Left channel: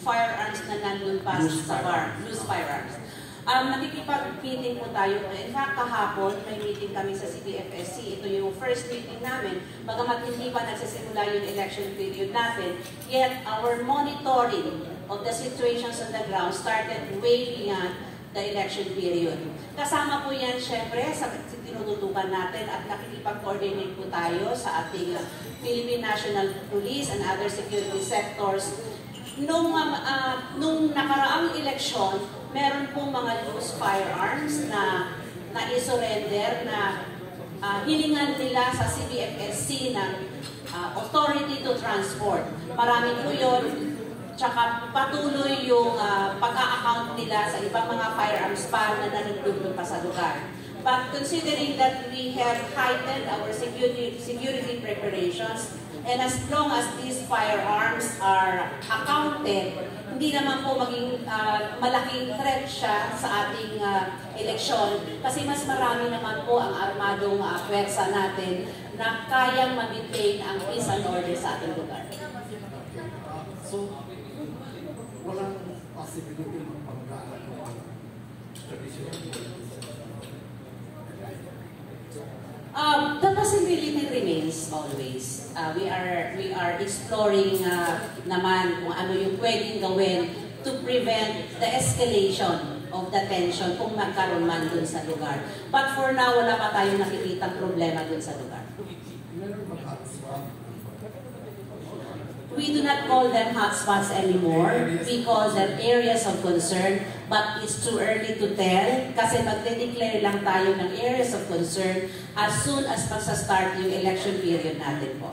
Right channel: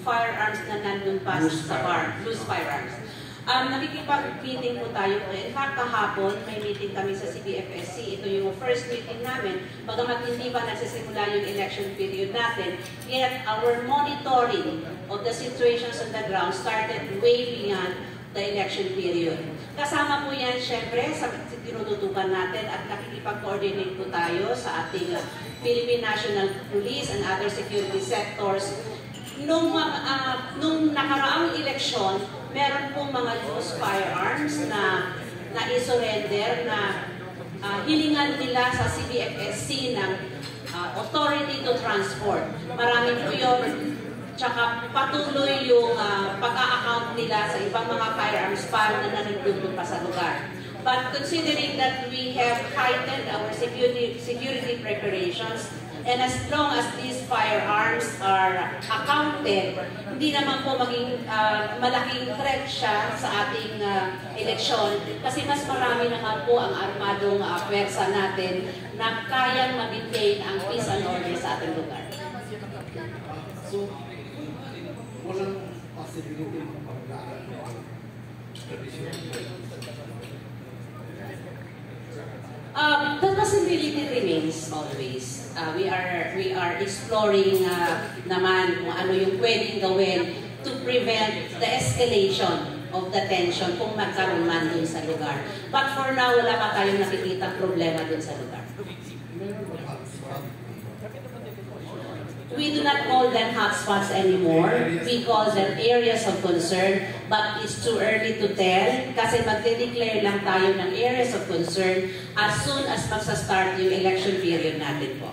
firearms na nandun pa sa bar, loose firearms. Nakikipag-meeting po tayo. In fact, kahapon, may meeting kami sa CBFSC. Ito yung first meeting namin. Bagamat hindi pa nagsisimula yung election period natin, yet our monitoring of the situations on the ground started way beyond the election period. Kasama po yan, syempre, sa tinututukan natin at nakikipag-coordinate po tayo sa ating Philippine National Police and other security sectors. Nung nakaraang eleksyon, meron pong mga loose firearms na i-surrender na hilingan nila sa CBFSC ng authority to transport. Marami po yun. Tsaka patuloy yung pag-a-account nila sa ibang mga firearms pa na nanigdugdug pa sa lugar. But considering that we have heightened our security preparations, and as long as these firearms are accounted, hindi naman po maging malaking threat siya sa ating eleksyon kasi mas marami naman po ang armadong pwersa natin na kayang mag-maintain ang peace and order sa ating lugar. So, walang possibility ng pagkaan the possibility remains always. We are exploring naman kung ano yung pwedeng gawin to prevent the escalation of the tension kung magkaroon man dun sa lugar. But for now, wala pa tayong nakikita problema dun sa lugar. We do not call them hotspots anymore. We call them areas of concern, but it's too early to tell kasi magde-declare lang tayo ng areas of concern as soon as magsa-start yung election period natin po.